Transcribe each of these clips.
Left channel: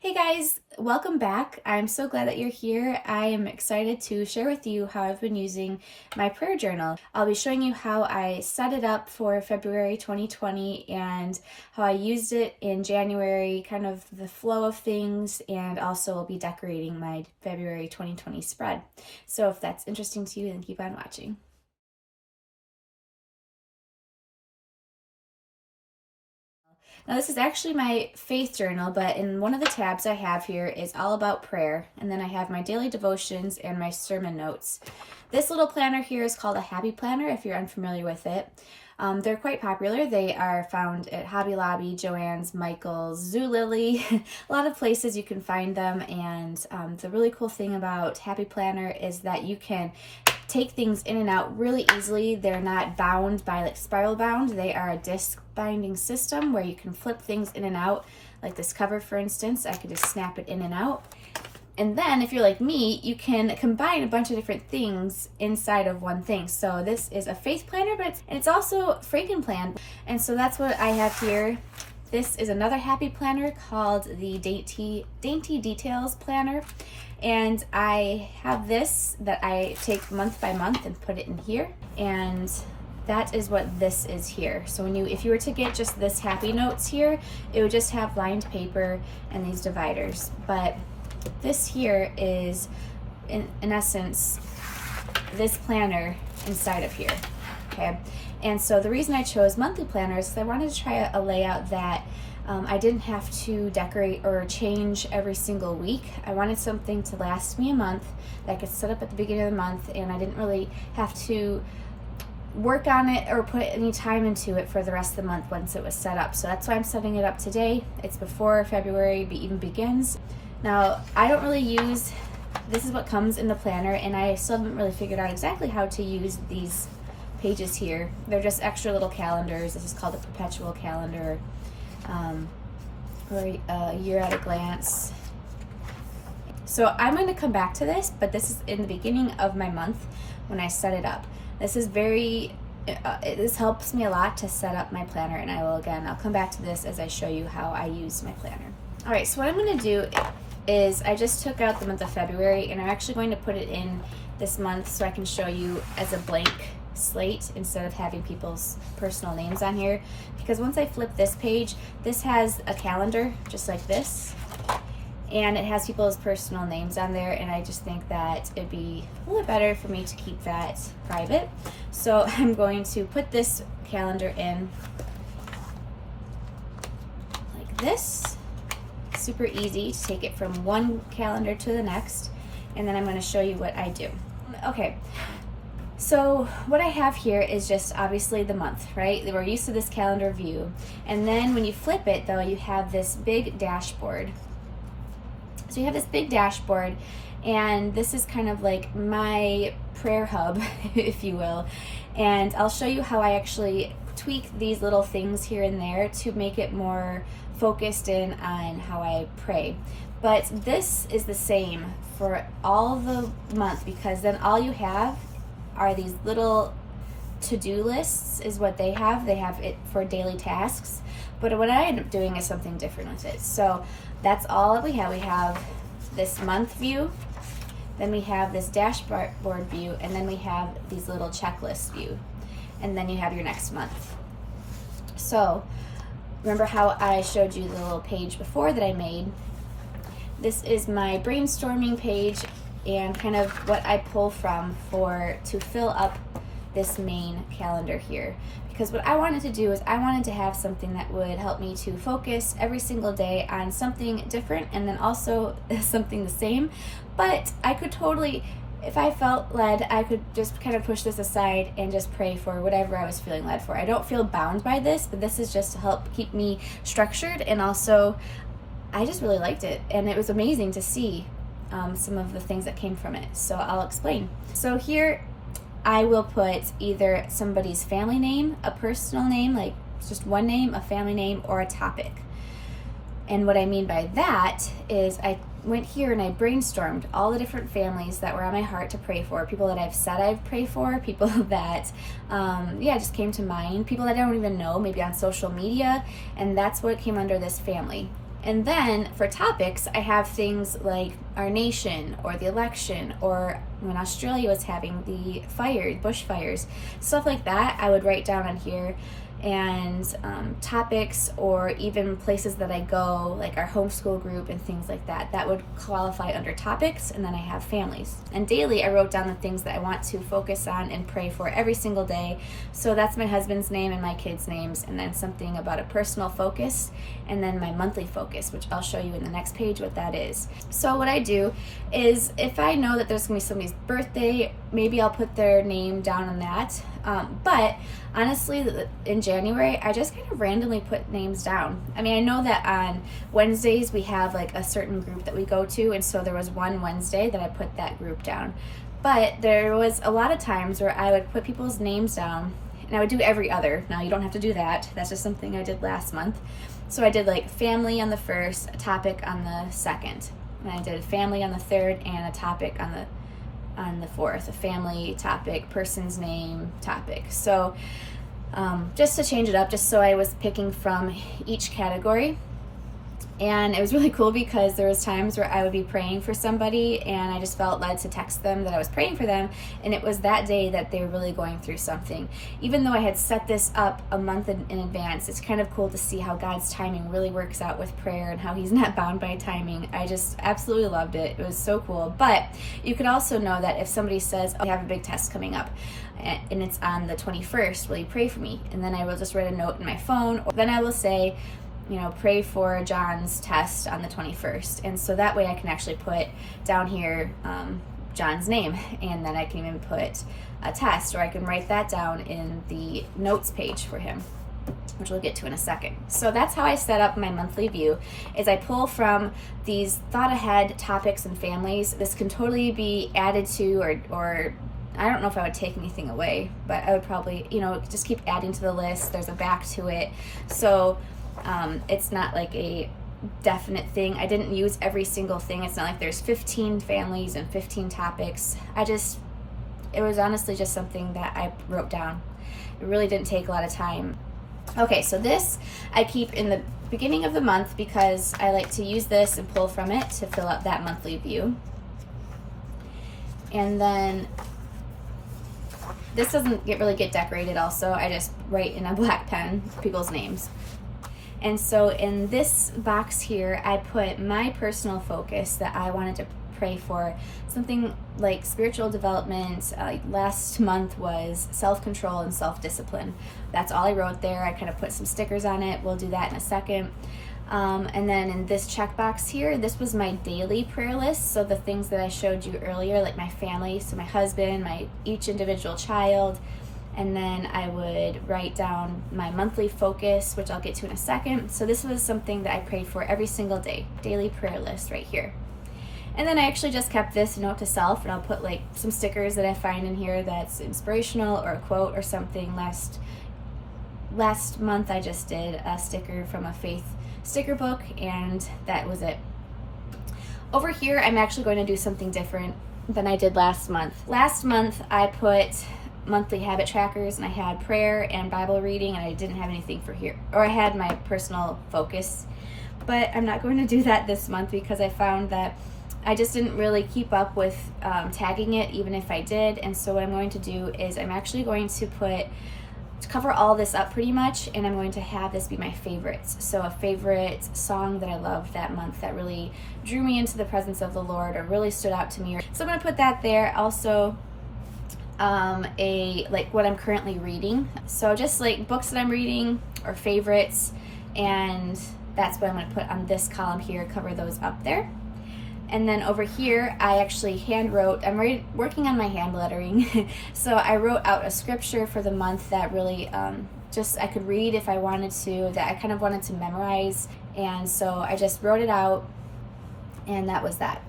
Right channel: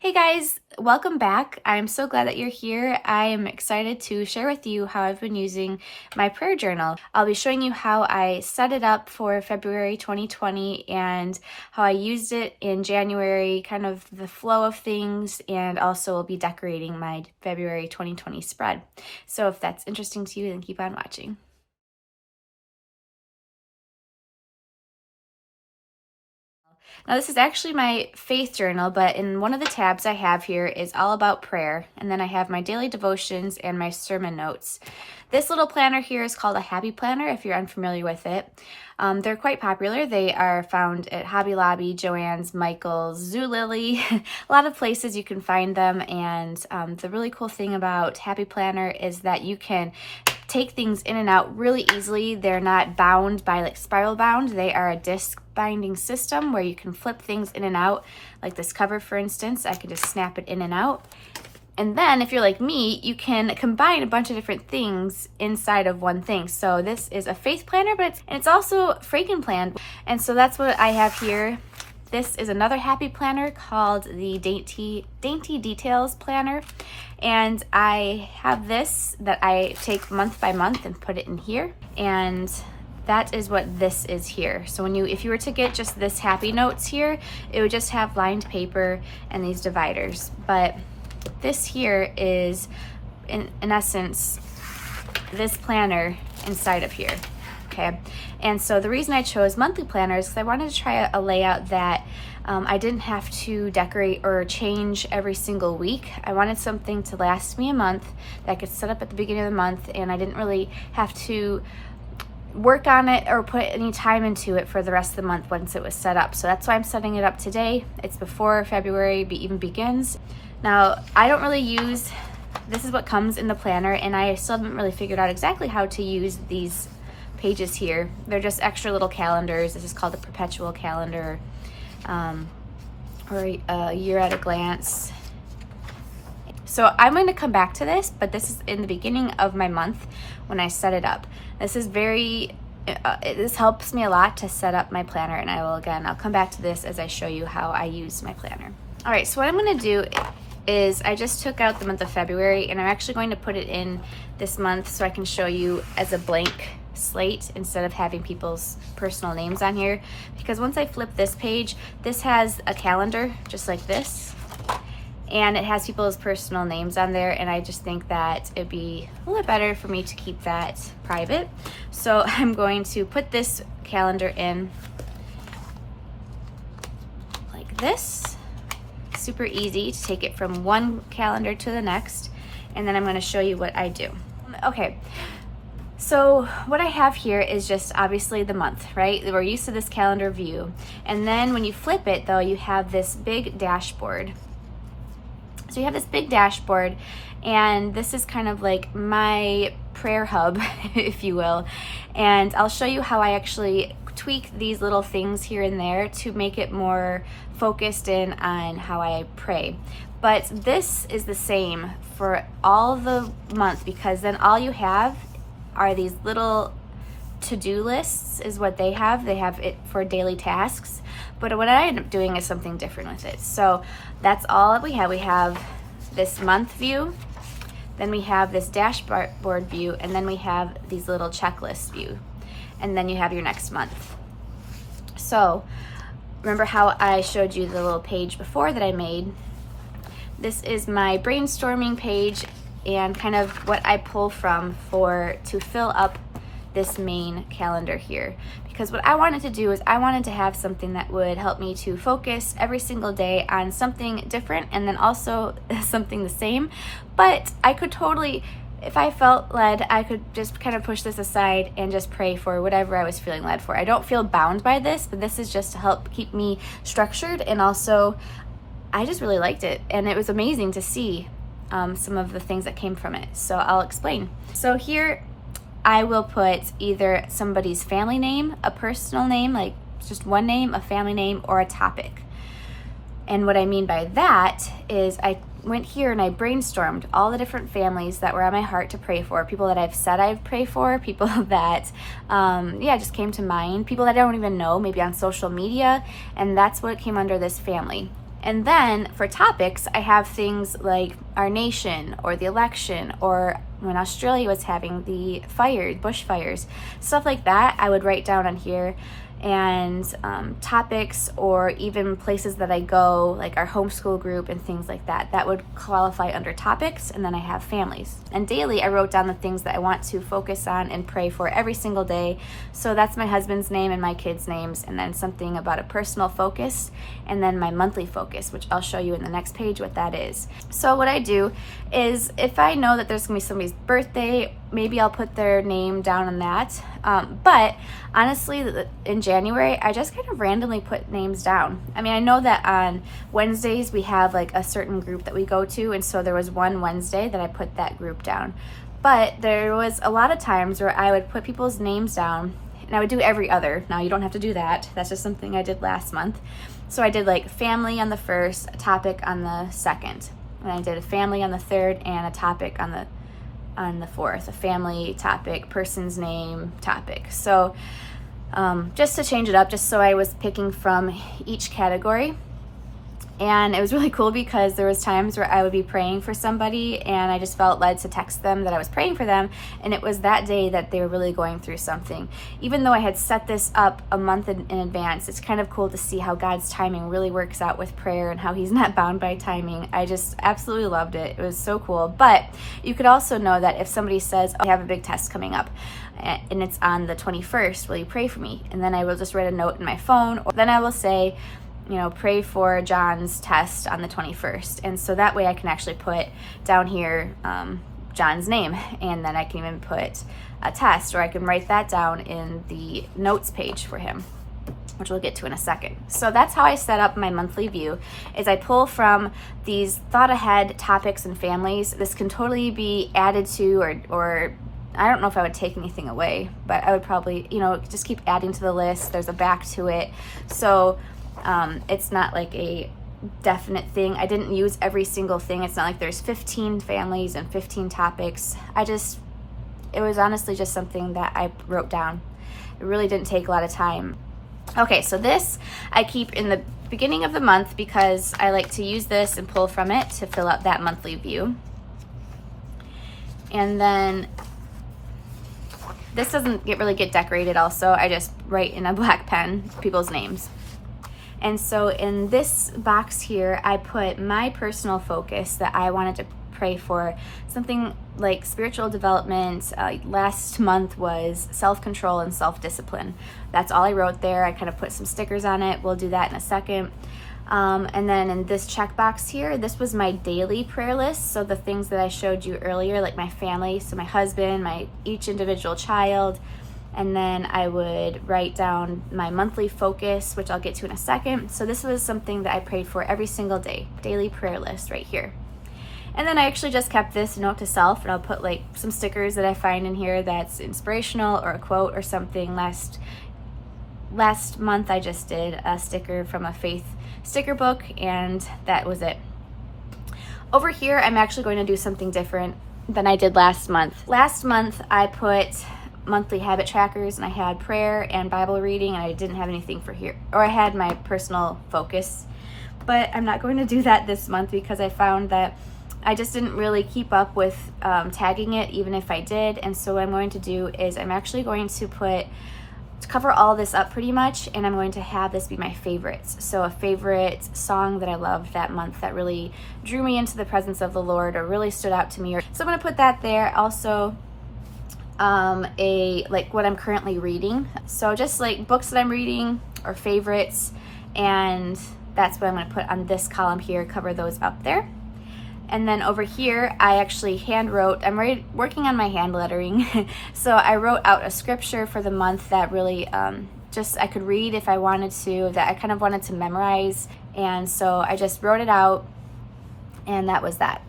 Hey guys, welcome back. I'm so glad that you're here. I am excited to share with you how I've been using my prayer journal. I'll be showing you how I set it up for February 2020 and how I used it in January, kind of the flow of things, and also will be decorating my February 2020 spread. So if that's interesting to you, then keep on watching. Now this is actually my faith journal, but in one of the tabs I have here is all about prayer. And then I have my daily devotions and my sermon notes. This little planner here is called a Happy Planner if you're unfamiliar with it. They're quite popular. They are found at Hobby Lobby, Joann's, Michael's, Zulily, a lot of places you can find them. And the really cool thing about Happy Planner is that you can take things in and out really easily. They're not bound by like spiral bound. They are a disc binding system where you can flip things in and out. Like this cover, for instance, I can just snap it in and out. And then if you're like me, you can combine a bunch of different things inside of one thing. So this is a faith planner, but it's also Frankenplan. And so that's what I have here. This is another happy planner called the Dainty Details Planner. And I have this that I take month by month and put it in here. And that is what this is here. So if you were to get just this happy notes here, it would just have lined paper and these dividers. But this here is, in essence, this planner inside of here, okay? And so the reason I chose monthly planners is because I wanted to try a layout that I didn't have to decorate or change every single week. I wanted something to last me a month that I could set up at the beginning of the month, and I didn't really have to work on it or put any time into it for the rest of the month once it was set up. So that's why I'm setting it up today. It's before February even begins. Now, I don't really use, this is what comes in the planner, and I still haven't really figured out exactly how to use these pages here. They're just extra little calendars. This is called a perpetual calendar, or a year at a glance. So I'm going to come back to this, but this is in the beginning of my month when I set it up. This is this helps me a lot to set up my planner, and I'll come back to this as I show you how I use my planner. All right, so what I'm going to do is I just took out the month of February, and I'm actually going to put it in this month so I can show you as a blank slate instead of having people's personal names on here. Because once I flip this page, this has a calendar just like this, and it has people's personal names on there, and I just think that it'd be a little better for me to keep that private. So I'm going to put this calendar in like this. Super easy to take it from one calendar to the next, and then I'm going to show you what I do. Okay, so what I have here is just obviously the month, right? We're used to this calendar view, and then when you flip it though, you have this big dashboard. So you have this big dashboard, and this is kind of like my prayer hub, if you will, and I'll show you how I actually tweak these little things here and there to make it more focused in on how I pray. But this is the same for all the month, because then all you have are these little to-do lists is what they have. They have it for daily tasks, but what I end up doing is something different with it. So that's all that we have. We have this month view, then we have this dashboard view, and then we have these little checklist view, and then you have your next month. So remember how I showed you the little page before that I made? This is my brainstorming page and kind of what I pull from to fill up this main calendar here. Because what I wanted to do is I wanted to have something that would help me to focus every single day on something different, and then also something the same. But I could totally, if I felt led, I could just kind of push this aside and just pray for whatever I was feeling led for. I don't feel bound by this, but this is just to help keep me structured, and also I just really liked it, and it was amazing to see some of the things that came from it. So I'll explain. So here I will put either somebody's family name, a personal name, like just one name, a family name, or a topic. And what I mean by that is I went here and I brainstormed all the different families that were on my heart to pray for, people that I've said I'd pray for, people that just came to mind, people that I don't even know, maybe on social media, and that's what came under this family. And then for topics, I have things like our nation or the election, or when Australia was having the bushfires, stuff like that, I would write down on here. And topics, or even places that I go, like our homeschool group and things like that, that would qualify under topics. And then I have families. And daily, I wrote down the things that I want to focus on and pray for every single day. So that's my husband's name and my kids' names, and then something about a personal focus, and then my monthly focus, which I'll show you in the next page what that is. So what I do is, if I know that there's gonna be somebody's birthday, maybe I'll put their name down on that. But honestly, in January, I just kind of randomly put names down. I mean, I know that on Wednesdays we have like a certain group that we go to, and so there was one Wednesday that I put that group down. But there was a lot of times where I would put people's names down, and I would do every other. Now, you don't have to do that. That's just something I did last month. So I did like family on the first, a topic on the second. And I did a family on the third, and a topic on the fourth, a family topic, person's name topic. So just to change it up, just so I was picking from each category. And it was really cool because there was times where I would be praying for somebody, and I just felt led to text them that I was praying for them, and it was that day that they were really going through something. Even though I had set this up a month in advance, it's kind of cool to see how God's timing really works out with prayer, and how he's not bound by timing. I just absolutely loved it. It was so cool. But you could also know that if somebody says, oh, I have a big test coming up, and it's on the 21st, will you pray for me? And then I will just write a note in my phone, or then I will say, you know, pray for John's test on the 21st. And so that way I can actually put down here John's name, and then I can even put a test, or I can write that down in the notes page for him, which we'll get to in a second. So that's how I set up my monthly view, is I pull from these thought ahead topics and families. This can totally be added to, or I don't know if I would take anything away, but I would probably, you know, just keep adding to the list. There's a back to it. So it's not like a definite thing. I didn't use every single thing. It's not like there's 15 families and 15 topics. It was honestly just something that I wrote down. It really didn't take a lot of time. Okay, so this I keep in the beginning of the month because I like to use this and pull from it to fill out that monthly view. And then this doesn't really get decorated also. I just write in a black pen people's names. And so in this box here, I put my personal focus that I wanted to pray for, something like spiritual development. Last month was self-control and self-discipline. That's all I wrote there. I kind of put some stickers on it. We'll do that in a second. And then in this checkbox here, this was my daily prayer list. So the things that I showed you earlier, like my family, so my husband, each individual child. And then I would write down my monthly focus, which I'll get to in a second. So this was something that I prayed for every single day, daily prayer list right here. And then I actually just kept this note to self, and I'll put like some stickers that I find in here that's inspirational, or a quote or something. Last month I just did a sticker from a faith sticker book, and that was it. Over here, I'm actually going to do something different than I did last month. Last month I put monthly habit trackers, and I had prayer and Bible reading, and I didn't have anything for here, or I had my personal focus. But I'm not going to do that this month because I found that I just didn't really keep up with tagging it, even if I did. And so what I'm going to do is I'm actually going to cover all this up pretty much, and I'm going to have this be my favorites. So a favorite song that I loved that month that really drew me into the presence of the Lord, or really stood out to me. So I'm going to put that there. Also, like what I'm currently reading. So just like books that I'm reading or favorites, and that's what I'm going to put on this column here, cover those up there. And then over here, I actually hand wrote, I'm working on my hand lettering. So I wrote out a scripture for the month that really just I could read if I wanted to, that I kind of wanted to memorize. And so I just wrote it out, and that was that.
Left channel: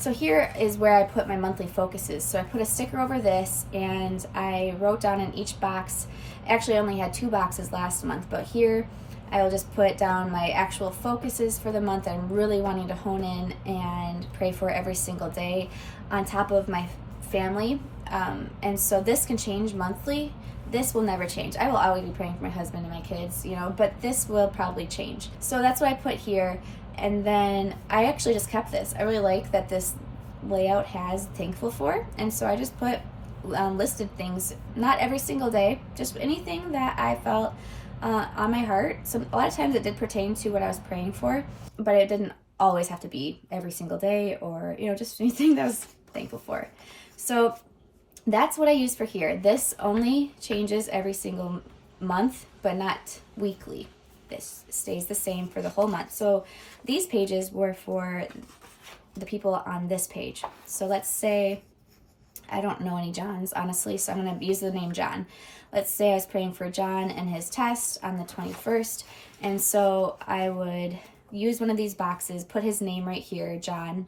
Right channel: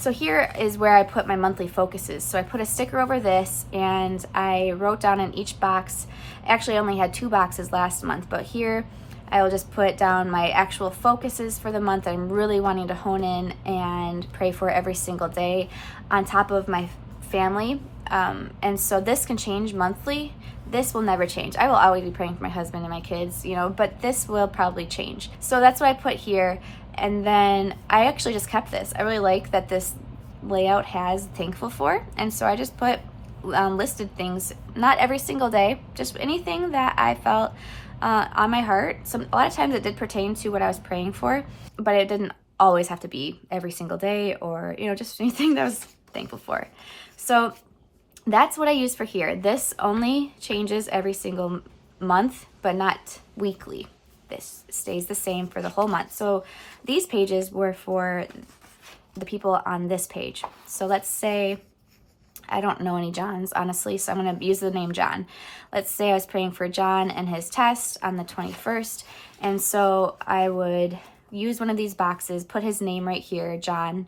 So here is where I put my monthly focuses. So I put a sticker over this, and I wrote down in each box. Actually, I only had 2 boxes last month, but here I will just put down my actual focuses for the month I'm really wanting to hone in and pray for every single day, on top of my family. And so this can change monthly. This will never change. I will always be praying for my husband and my kids, you know, but this will probably change. So that's what I put here. And then I actually just kept this. I really like that this layout has thankful for, and so I just put listed things, not every single day, just anything that I felt on my heart. A lot of times it did pertain to what I was praying for, but it didn't always have to be every single day, or just anything that I was thankful for. So that's what I use for here. This only changes every single month, but not weekly. This stays the same for the whole month. So these pages were for the people on this page. So let's say, I don't know any Johns, honestly, so I'm going to use the name John. Let's say I was praying for John and his test on the 21st, and so I would use one of these boxes, put his name right here, John,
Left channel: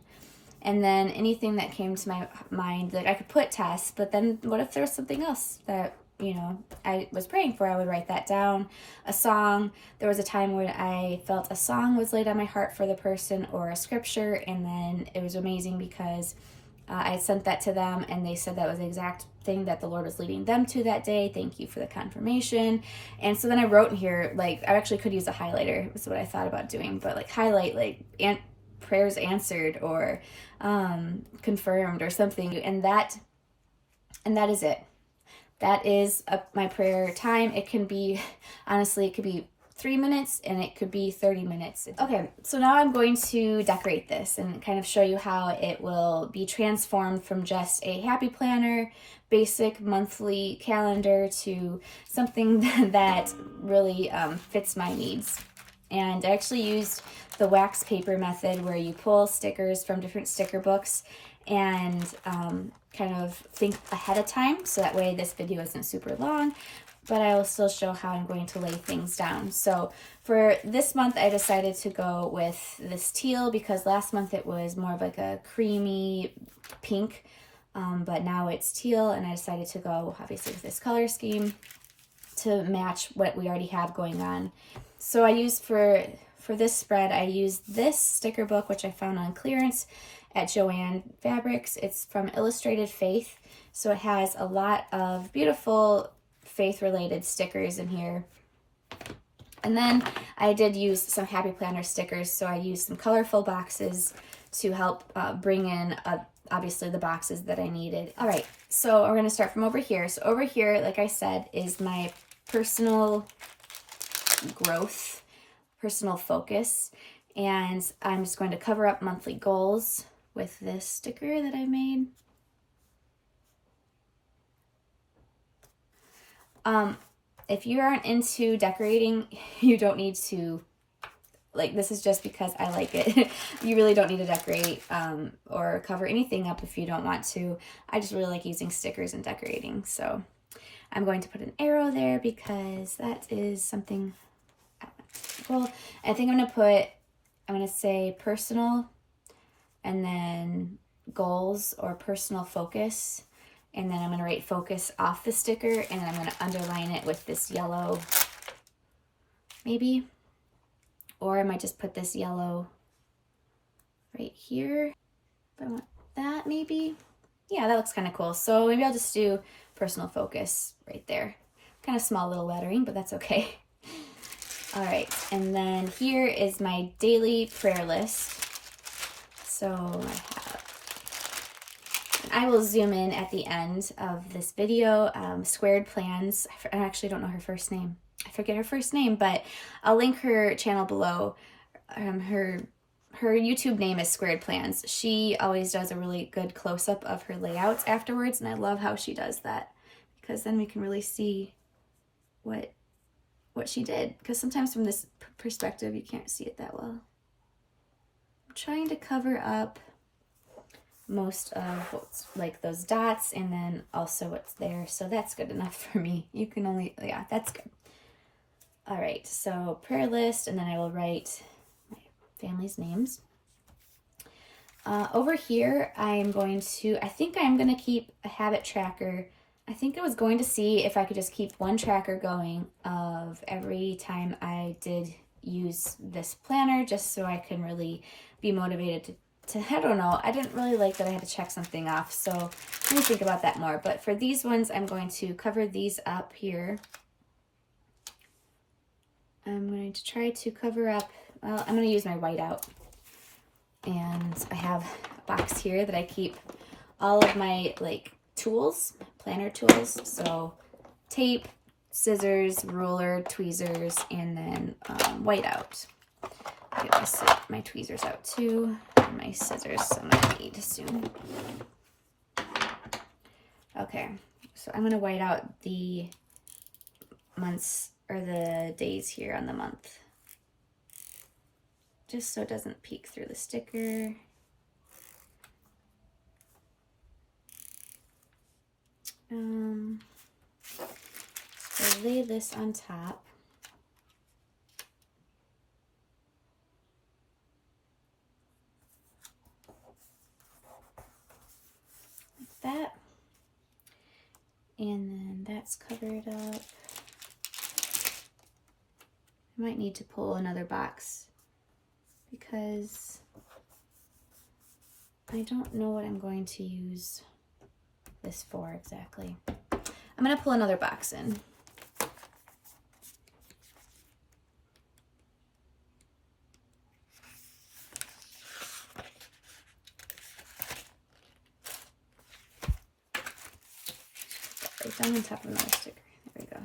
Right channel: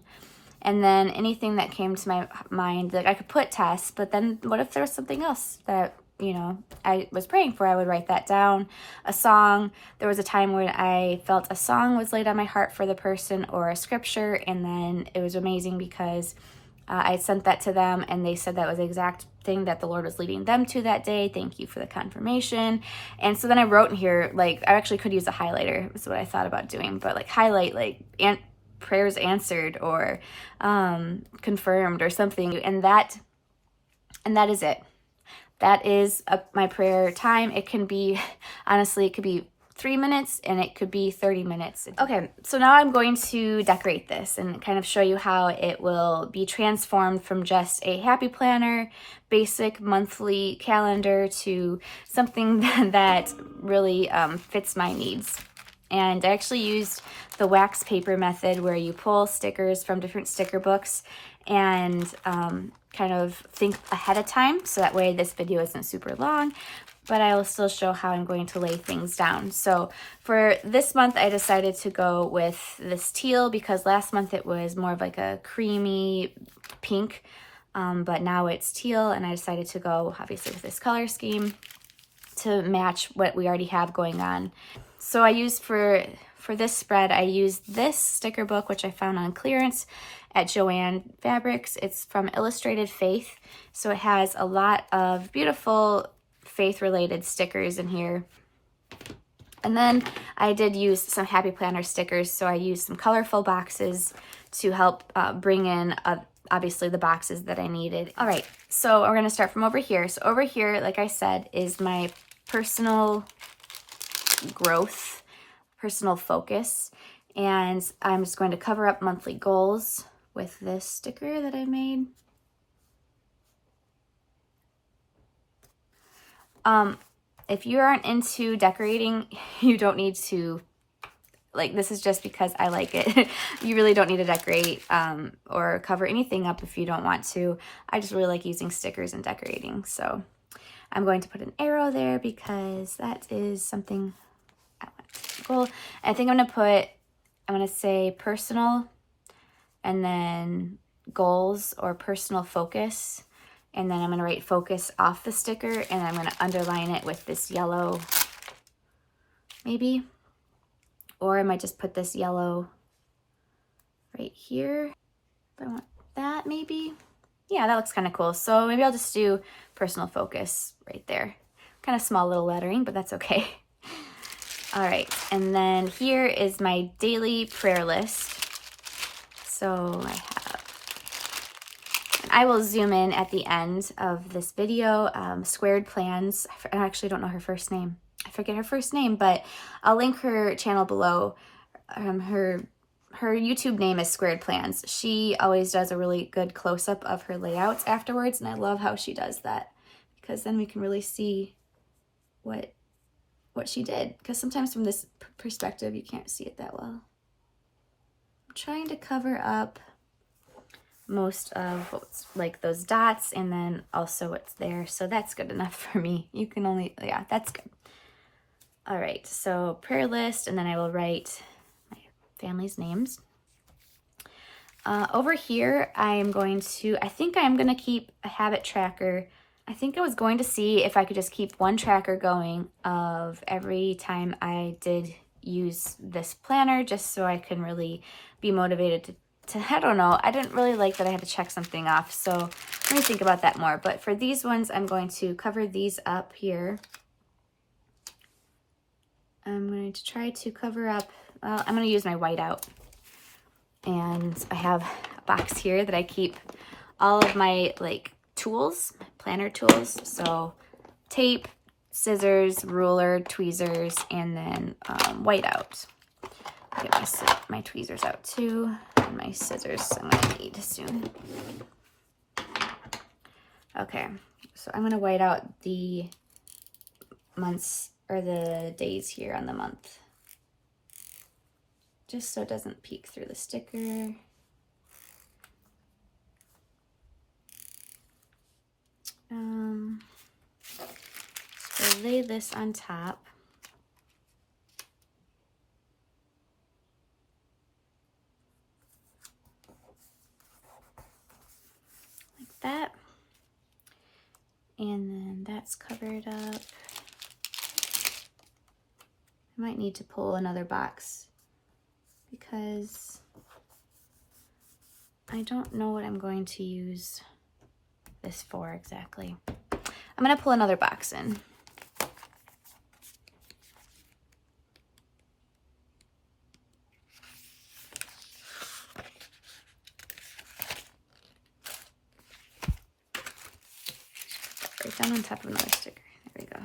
and then anything that came to my mind, like I could put test, but then what if there was something else that I was praying for? I would write that down. A song. There was a time when I felt a song was laid on my heart for the person, or a scripture, and then it was amazing because I had sent that to them and they said that was the exact thing that the Lord was leading them to that day. Thank you for the confirmation. And so then I wrote in here, like, I actually could use a highlighter, is what I thought about doing, but like highlight, like, prayers answered, or confirmed, or something. And that is it. That is my prayer time. It can be, honestly, it could be 3 minutes and it could be 30 minutes. Okay, so now I'm going to decorate this and kind of show you how it will be transformed from just a happy planner, basic monthly calendar, to something that really fits my needs. And I actually used the wax paper method, where you pull stickers from different sticker books and kind of think ahead of time, so that way this video isn't super long, but I will still show how I'm going to lay things down. So for this month, I decided to go with this teal, because last month it was more of like a creamy pink, but now it's teal, and I decided to go obviously with this color scheme to match what we already have going on. So I used for this spread, I used this sticker book, which I found on clearance at Joann Fabrics. It's from Illustrated Faith, so it has a lot of beautiful faith-related stickers in here. And then I did use some Happy Planner stickers, so I used some colorful boxes to help bring in obviously the boxes that I needed. All right, so we're gonna start from over here. So over here, like I said, is my personal growth, personal focus, and I'm just going to cover up monthly goals with this sticker that I made. If you aren't into decorating, you don't need to, like, this is just because I like it. You really don't need to decorate or cover anything up if you don't want to. I just really like using stickers and decorating, so I'm going to put an arrow there because that is something I want to goal. I think I'm gonna say personal, and then goals or personal focus, and then I'm gonna write focus off the sticker, and I'm gonna underline it with this yellow, maybe, or I might just put this yellow right here. If I want that, maybe. Yeah, that looks kind of cool. So maybe I'll just do personal focus right there. Kind of small little lettering, but that's okay. All right, and then here is my daily prayer list. So I will zoom in at the end of this video. Squared Plans, I actually don't know her first name. I forget her first name, but I'll link her channel below. Her YouTube name is Squared Plans. She always does a really good close-up of her layouts afterwards, and I love how she does that, because then we can really see what she did, because sometimes from this perspective you can't see it that well. I'm trying to cover up most of what's like those dots, and then also what's there, so that's good enough for me. You can only, yeah, that's good. All right, so prayer list, and then I will write my family's names. Over here, I think I'm going to keep a habit tracker. I think I was going to see if I could just keep one tracker going of every time I did use this planner, just so I can really be motivated to I don't know. I didn't really like that I had to check something off, so let me think about that more. But for these ones, I'm going to cover these up here. I'm going to try to cover up, well, I'm going to use my whiteout have a box here that I keep all of my like tools, planner tools. So tape, scissors, ruler, tweezers, and then whiteout. Get my tweezers out too, and my scissors I'm gonna need soon. Okay, so I'm gonna white out the months or the days here on the month, just so it doesn't peek through the sticker. So lay this on top. Like that. And then that's covered up. I might need to pull another box because I don't know what I'm going to use this for exactly. I'm gonna pull another box in. Right down on top of another sticker. There we go.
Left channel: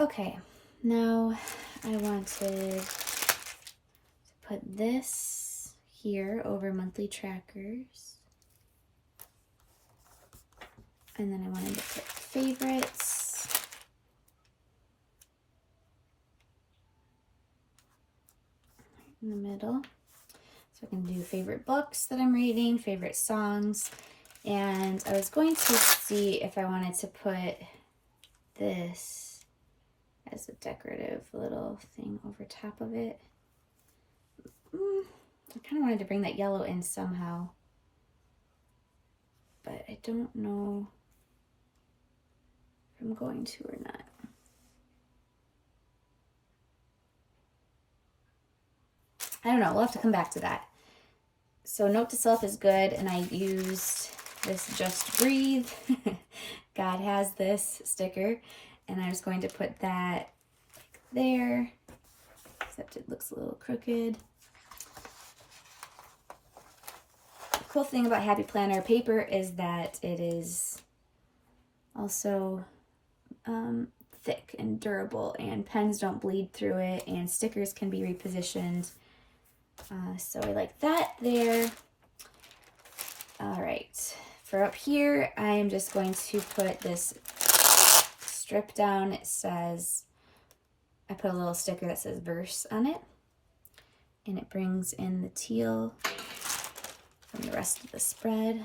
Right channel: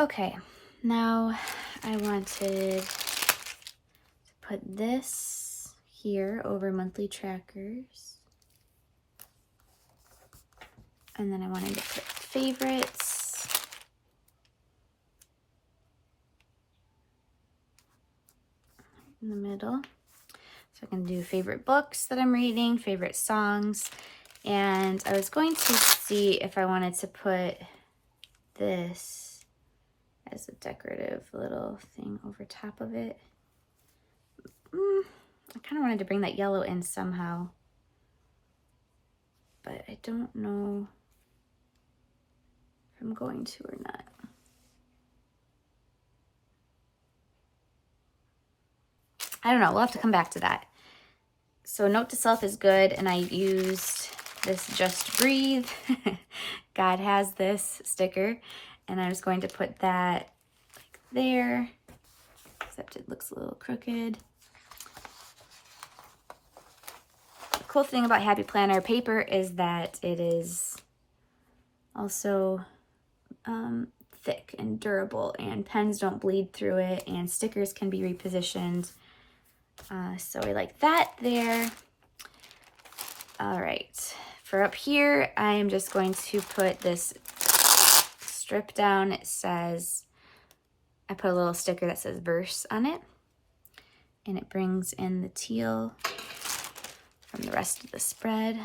Okay, now I wanted to put this here over monthly trackers. And then I wanted to put favorites. In the middle. So I can do favorite books that I'm reading, favorite songs. And I was going to see if I wanted to put this as a decorative little thing over top of it. I kind of wanted to bring that yellow in somehow, but I don't know if I'm going to or not. I don't know, we'll have to come back to that. So note to self is good, and I used this Just Breathe. God has this sticker. And I was going to put that like there, except it looks a little crooked. The cool thing about Happy Planner paper is that it is also thick and durable, and pens don't bleed through it, and stickers can be repositioned. So I like that there. All right, for up here, I am just going to put this strip down. It says, I put a little sticker that says verse on it, and it brings in the teal from the rest of the spread.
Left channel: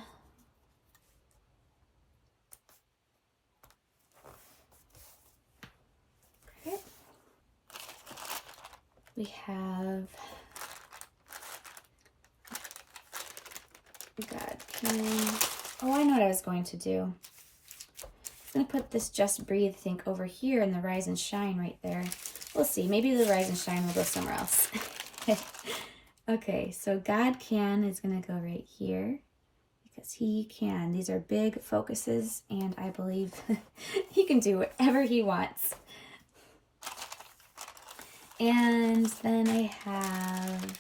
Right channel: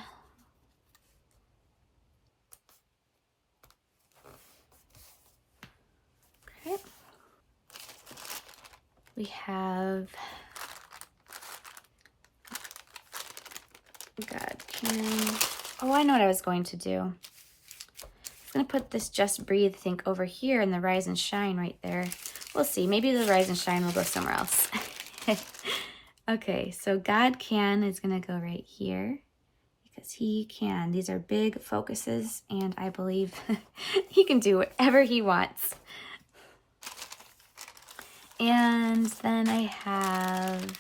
Okay. We have God can. Oh, I know what I was going to do. I'm going to put this Just Breathe thing over here and the Rise and Shine right there. We'll see. Maybe the Rise and Shine will go somewhere else. Okay, so God Can is going to go right here because he can. These are big focuses, and I believe he can do whatever he wants. And then I have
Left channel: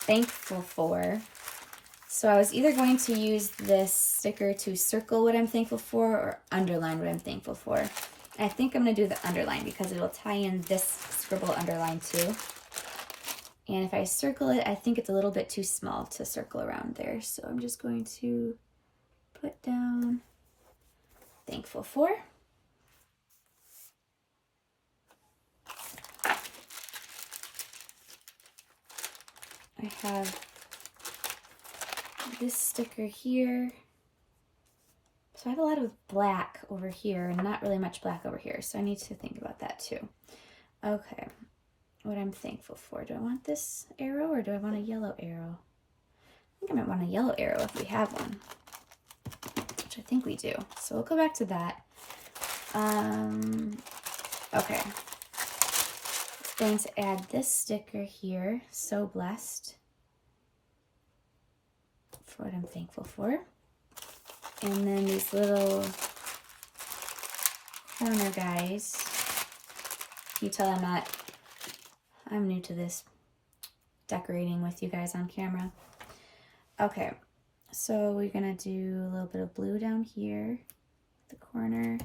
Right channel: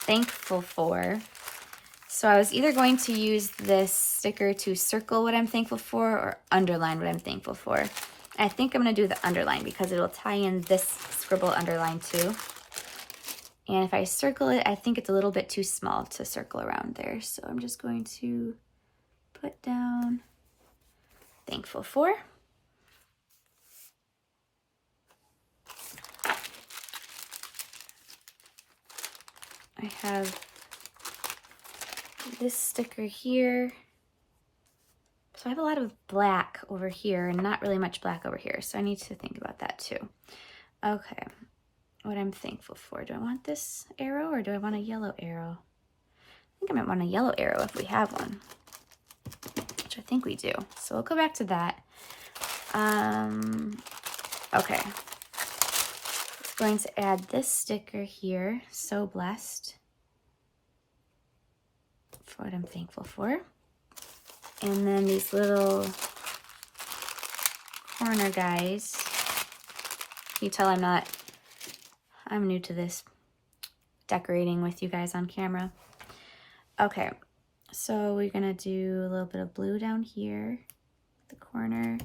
Thankful For. So I was either going to use this sticker to circle what I'm thankful for or underline what I'm thankful for. I think I'm going to do the underline because it'll tie in this scribble underline too. And if I circle it, I think it's a little bit too small to circle around there. So I'm just going to put down Thankful For. I have this sticker here. So I have a lot of black over here and not really much black over here. So I need to think about that too. Okay, what I'm thankful for. Do I want this arrow or do I want a yellow arrow? I think I might want a yellow arrow if we have one, which I think we do. So we'll go back to that. Okay. going to add this sticker here, so blessed, for what I'm thankful for. And then these little corner guys. You tell I'm new to this decorating with you guys on camera. Okay, so we're gonna do a little bit of blue down here, the corner,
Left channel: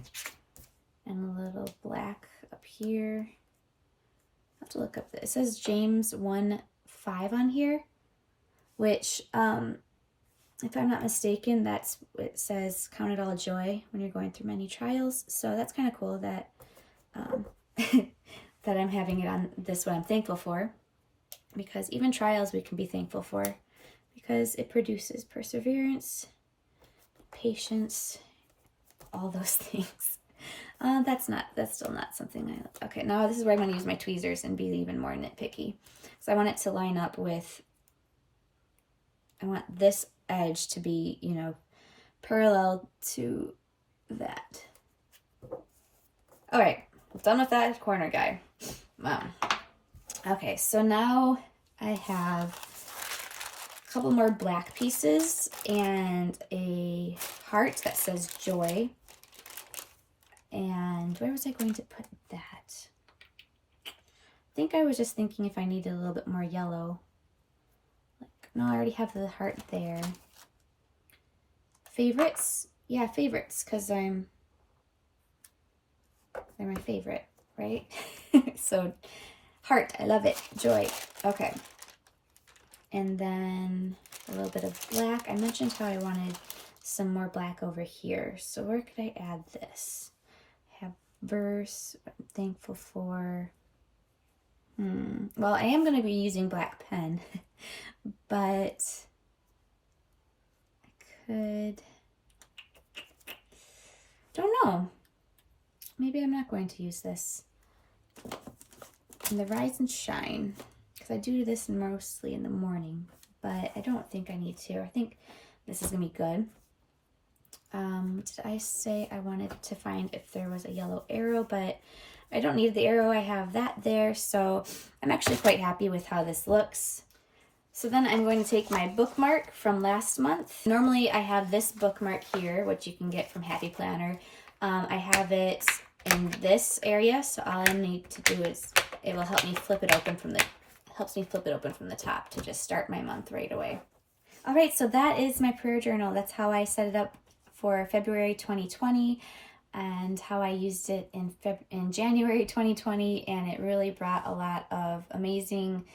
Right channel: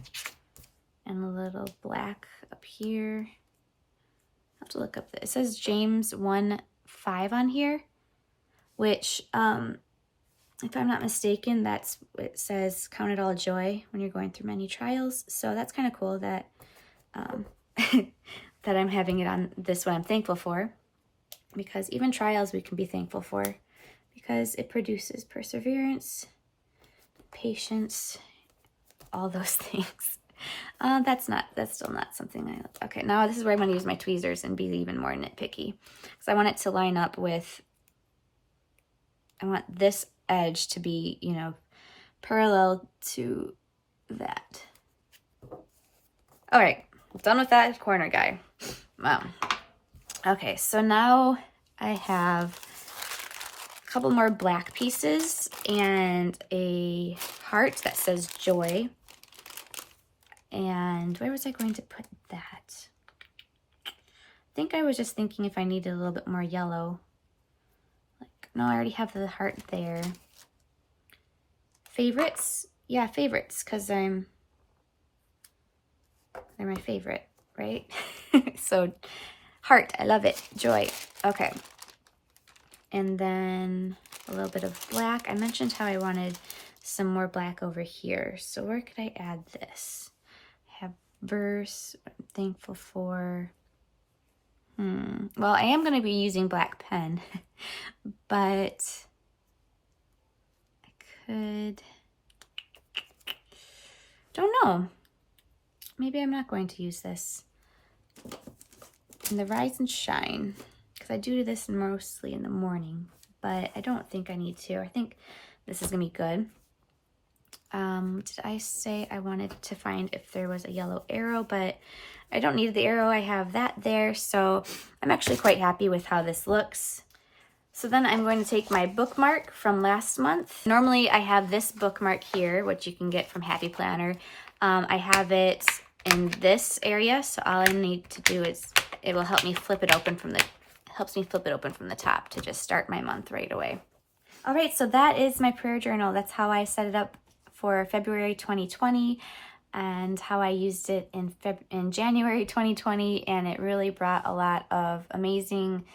and a little black up here. I have to look up this. It says James 1:5 on here, which, if I'm not mistaken, that's what it says, count it all joy when you're going through many trials. So that's kind of cool that, that I'm having it on this one. I'm thankful for, because even trials we can be thankful for, because it produces perseverance, patience, all those things. That's still not something I like. Okay, now this is where I'm going to use my tweezers and be even more nitpicky, because I want it to line up with, I want this edge to be, you know, parallel to that. All right, done with that corner guy. Wow. Okay, so now I have a couple more black pieces and a heart that says joy. And where was I going to put that? I think I was just thinking if I needed a little bit more yellow. Like, no, I already have the heart there. Favorites? Yeah, favorites, because they're my favorite, right? So, heart, I love it. Joy. Okay. And then a little bit of black. I mentioned how I wanted some more black over here. So where could I add this? I have verse, what I'm thankful for. Well, I am going to be using black pen, but I could, don't know. Maybe I'm not going to use this. And the Rise and Shine, because I do this mostly in the morning, but I don't think I need to. I think this is going to be good. Did I say I wanted to find if there was a yellow arrow, but I don't need the arrow. I have that there, so I'm actually quite happy with how this looks. So then I'm going to take my bookmark from last month. Normally I have this bookmark here, which you can get from Happy Planner. I have it in this area, so all I need to do is, it will help me flip it open from the, helps me flip it open from the top to just start my month right away. All right, so that is my prayer journal. That's how I set it up for February 2020 and how I used it in January 2020, and it really brought a lot of amazing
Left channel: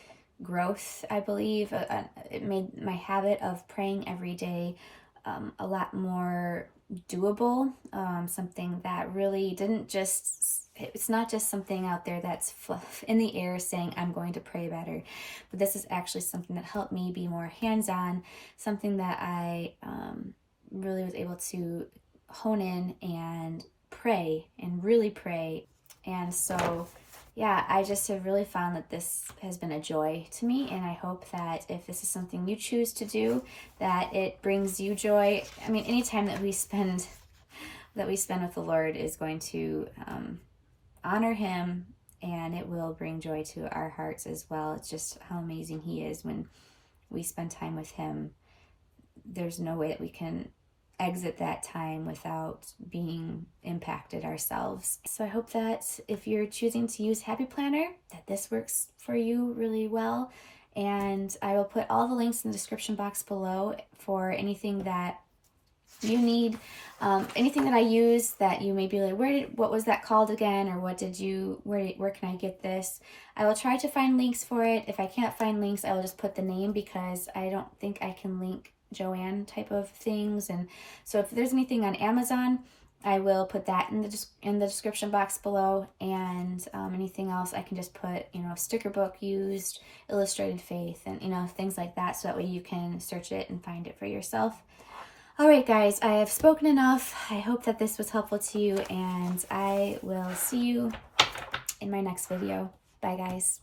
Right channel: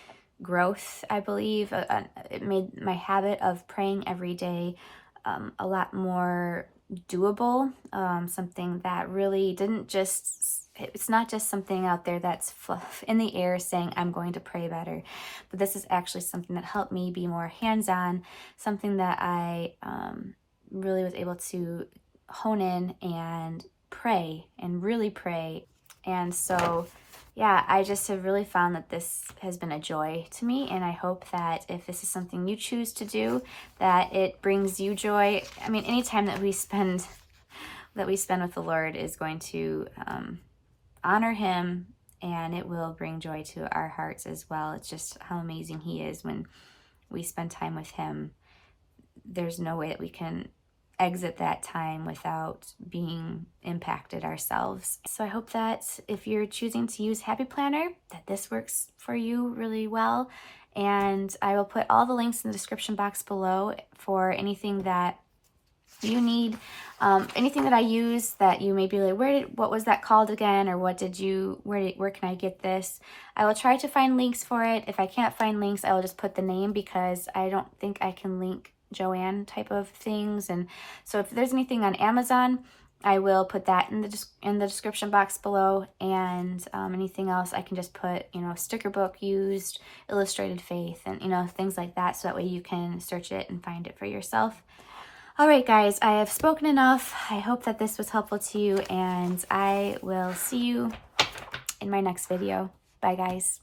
growth, I believe. It made my habit of praying every day a lot more doable, something that really didn't just, it's not just something out there that's fluff in the air saying I'm going to pray better, but this is actually something that helped me be more hands-on, something that I really was able to hone in and pray and really pray. And so yeah, I just have really found that this has been a joy to me, and I hope that if this is something you choose to do, that it brings you joy. I mean, any time that we spend with the Lord is going to honor Him, and it will bring joy to our hearts as well. It's just how amazing He is when we spend time with Him. There's no way that we can exit that time without being impacted ourselves. So I hope that if you're choosing to use Happy Planner, that this works for you really well. And I will put all the links in the description box below for anything that you need, anything that I use that you may be like, what was that called again? Or what did you, where can I get this? I will try to find links for it. If I can't find links, I will just put the name, because I don't think I can link Joanne type of things. And so if there's anything on Amazon, I will put that in the description box below, and anything else I can just put, you know, sticker book used, illustrated faith, and you know, things like that, so that way you can search it and find it for yourself. All right, guys, I have spoken enough. I hope that this was helpful to you, and I will see you in my next video. Bye, guys.